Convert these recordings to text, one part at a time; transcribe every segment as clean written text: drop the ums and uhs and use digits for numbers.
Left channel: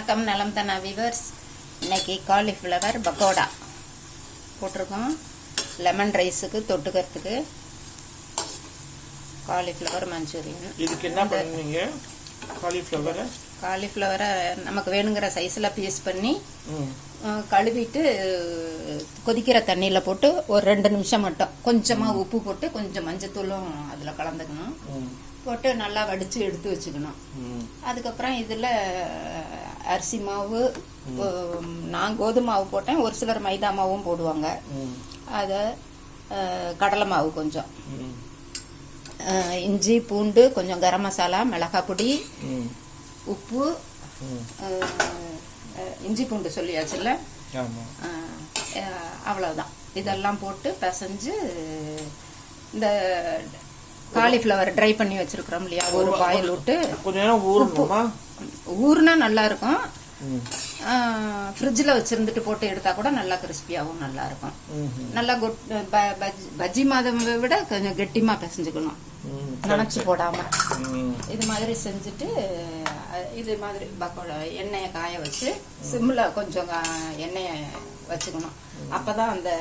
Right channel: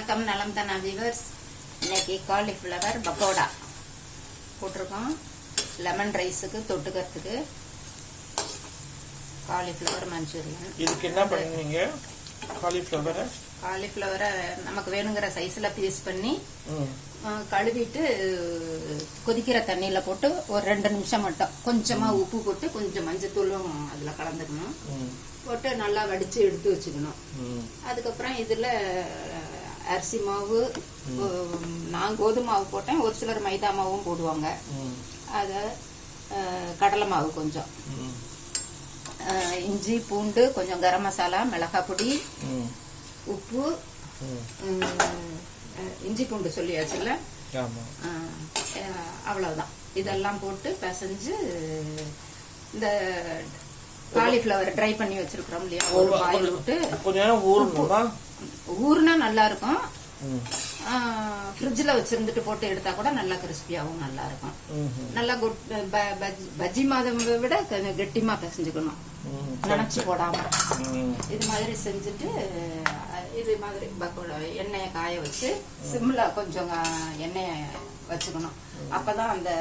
வணக்கம் நலம் தானா வியூவர்ஸ். இன்னைக்கு காலிஃப்ளவர் பக்கோடா போட்டிருக்கோம். லெமன் ரைஸுக்கு தொட்டுக்கிறதுக்கு காலிஃப்ளவர் மஞ்சூரியன். இதுக்கு என்ன பண்ணுவீங்க? காலிஃப்ளவரை நமக்கு வேணுங்கிற சைஸில் பீஸ் பண்ணி கழுவிட்டு கொதிக்கிற தண்ணியில் போட்டு ஒரு 2 நிமிஷம் மட்டும் கொஞ்சமாக உப்பு போட்டு கொஞ்சம் மஞ்சத்தூளும் அதில் கலந்துக்கணும். போட்டு நல்லா வடித்து எடுத்து வச்சுக்கணும். அதுக்கப்புறம் இதில் அரிசி மாவு, நான் கோதுமை மாவு போட்டேன், ஒரு சிலர் மைதா மாவும் போடுவாங்க. அதை கடலை மாவு கொஞ்சம், இஞ்சி பூண்டு கொஞ்சம், கரம் மசாலா, மிளகாய் பொடி, உப்பு, இஞ்சி பூண்டு சொல்லியாச்சுல்ல, அவ்வளவுதான். இதெல்லாம் போட்டு பிசைஞ்சு இந்த காலிஃப்ளவர் ட்ரை பண்ணி வச்சிருக்கிறோம் இல்லையா, ஒரு பாயில் விட்டு ஊர்னா நல்லா இருக்கும். ஃப்ரிட்ஜில் வச்சிருந்துட்டு போட்டு எடுத்தா கூட நல்லா கிறிஸ்பியாகவும் நல்லா இருக்கும். நல்லா பஜ்ஜி மாதம் விட கொஞ்சம் கெட்டிமா பிசைஞ்சுக்கணும், நினைச்சு போடாம. இது மாதிரி செஞ்சுட்டு இது மாதிரி பக்கோடா எண்ணெயை காய வச்சு சிம்ல கொஞ்சம் எண்ணெயை வச்சுக்கணும். அப்பதான் அந்த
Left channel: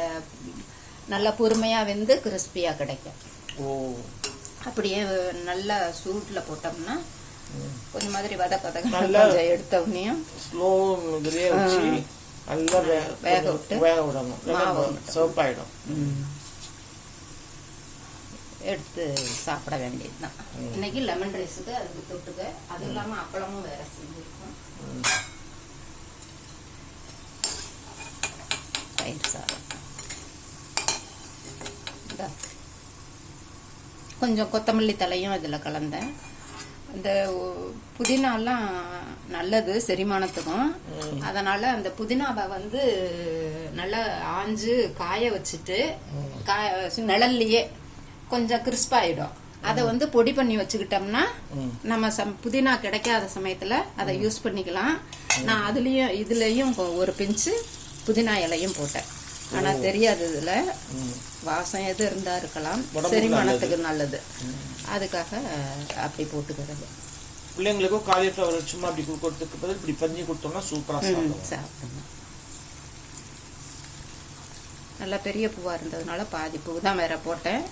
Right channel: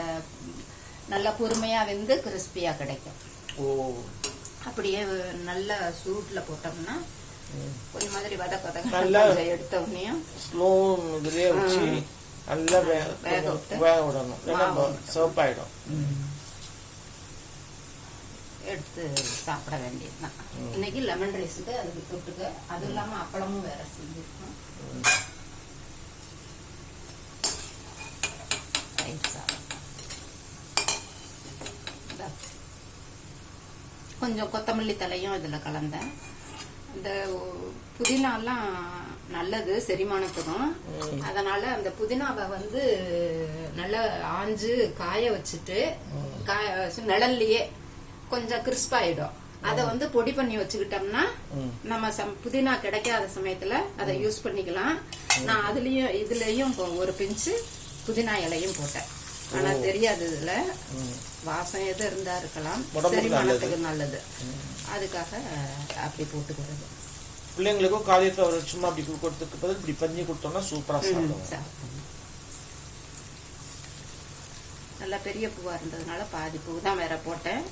நல்லா பொறுமையா வெந்து கிறிஸ்பியா கிடைக்கும். அப்படியே நல்ல சூட்ல போட்டோம்னா கொஞ்சம் மாதிரி வதக்க எடுத்த உடனேயும் ஸ்லோ இதுலயே வச்சு நல்லா வேக விடணும். சோப் ஆயிடும். எடுத்து சாப்பிட வேண்டியதுதான். இன்னைக்கு லெமன் ரைஸுக்கு அதுக்கு தொட்டுக்க. அது இல்லாம அப்பளமும் வேற செஞ்சிருக்கோம். கொஞ்சம் கொத்தமல்லி தலையும் இதுல கலந்தேன். இந்த புதினாலாம் நல்லது செரிமானத்துக்கும். அதனால அந்த புதினாவை நல்லா ஆஞ்சு காய வச்சுட்டு நிழல்லையே கொஞ்சம் கிறிஸ்பாயிடும். அதை பொடி பண்ணி வச்சுக்கிட்டோம்னா நம்ம புதினா கிடைக்காத சமயத்துல அதை யூஸ் பண்ணிக்கலாம். நான் இதுலயும் ஒரு பிஞ்சு புதினா இலையும் போட்டேன். ஆனா தெரியாது, இதுல வாசம் எது இருந்தா இருக்கலாம், செரிமானத்துக்கு நல்லது. அதுக்காக அப்படி போட்டுக்கிறது. பிள்ளைங்களுக்கும் காலிஃப்ளவர் சும்மா அப்படி கொடுத்துக்கு பதில் இப்படி பண்ணி கொடுத்தோம்னா சூப்பரா சாப்பிடுவாங்க. நல்லா பெரிய பூவா இருந்ததுனால பாதி பூ தான் வேற போட்டேன்.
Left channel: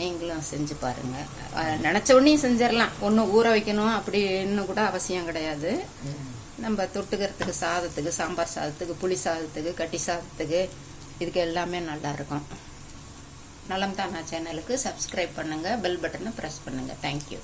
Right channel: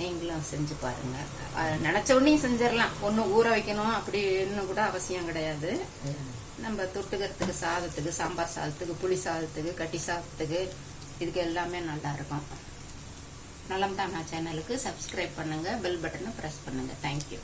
நீங்களும் செஞ்சு பாருங்க. நினைச்ச உடனே செஞ்சிடலாம், ஒன்னும் ஊற வைக்கணும் அப்படின்னு கூட அவசியம் கிடையாது. நம்ம தொட்டுக்கிறதுக்கு சாதத்துக்கு, சாம்பார் சாதத்துக்கு, புளி சாதத்துக்கு, கட்டி சாதத்துக்கு, இதுக்கு எல்லாமே நல்லா இருக்கும். நலம் தானா சேனலுக்கு சப்ஸ்கிரைப் பண்ணுங்க, பெல் பட்டனை பிரஸ் பண்ணுங்க. தேங்க்யூ.